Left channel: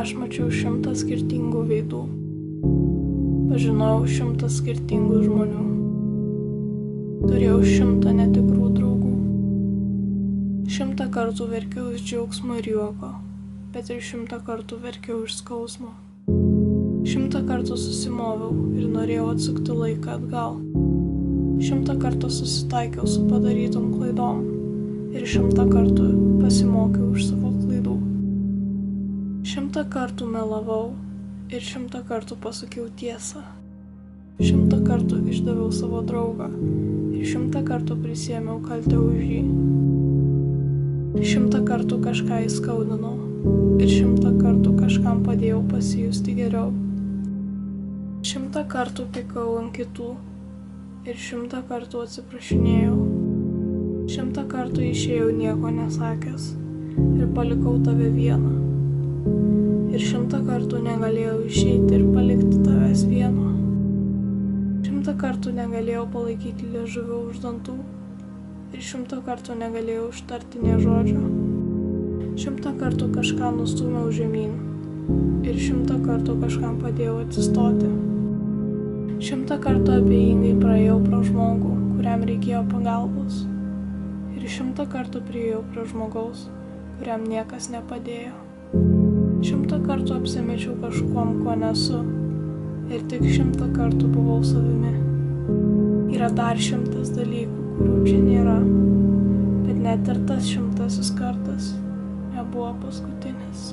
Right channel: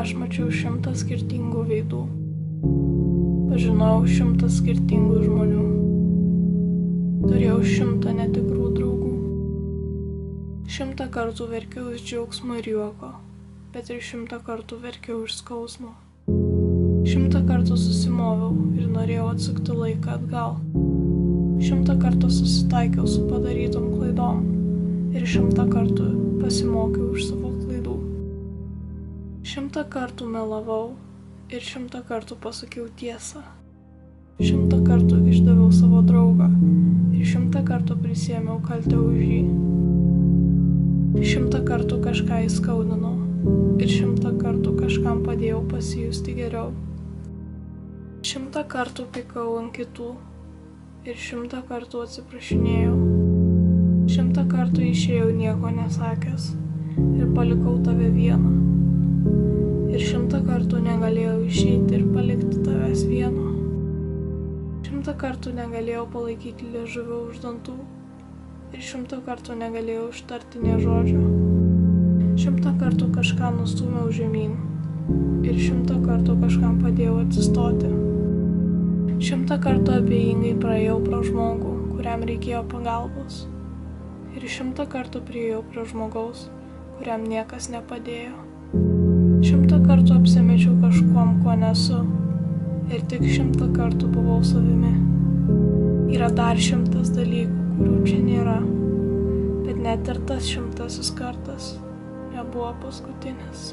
Aš mačiau 100 skirtingų veidų. Pažinojau 100 skirtingų žmonių. Turėjau 100 netikrų draugų. 100 kartų verkiau iš džiaugsmo ir juoko, bet ir 100 kartų verkiau iš skausmo. 100 kartų susimoviau ir norėjau atsukti laiką atgal. 100 kartų susitaikiau su padarytom klaidom ir 100 kartų pasimokiau iš savo klaidų. 100 kartų melavau ir 100 kartų pasakiau tiesą. 100 kartų išdaviau savo draugą ir 100 kartų prisiėmiau kaltę už jį. 100 kartų kažką įskaudinau ir 100 kartų kažkam padėjau pasijusti geriau. 100 kartų pykau ant kitų ir 100 kartų atsiprašinėjau. 100 kartų išėjau nieko nesakęs ir palikau tave vieną. Ir 100 kartų negalėjau išeiti ir palikti tavęs vieno. 100 kartų negalėjau palaikyti liežuvio už dantų ir 100 kartų negalėjau ištarti nė žodžio. 100 kartų kažką nustūmiau žemyn ir 100 kartų kažkam padėjau atsistoti. 100 kartų abejingai praėjau pro žmogų, kuriam reikėjo pagalbos. Ir 100 kartų priėjau prie žmogaus, kuriam niekas nepadėjo. 100 kartų apsimečiau kažkuom, ko nesu, ir tik 100 kartų buvau savimi. Yra dar 100 dalykų, kurių čia nėra, bet net ir tas 100 kartas nebuvo paskutinis.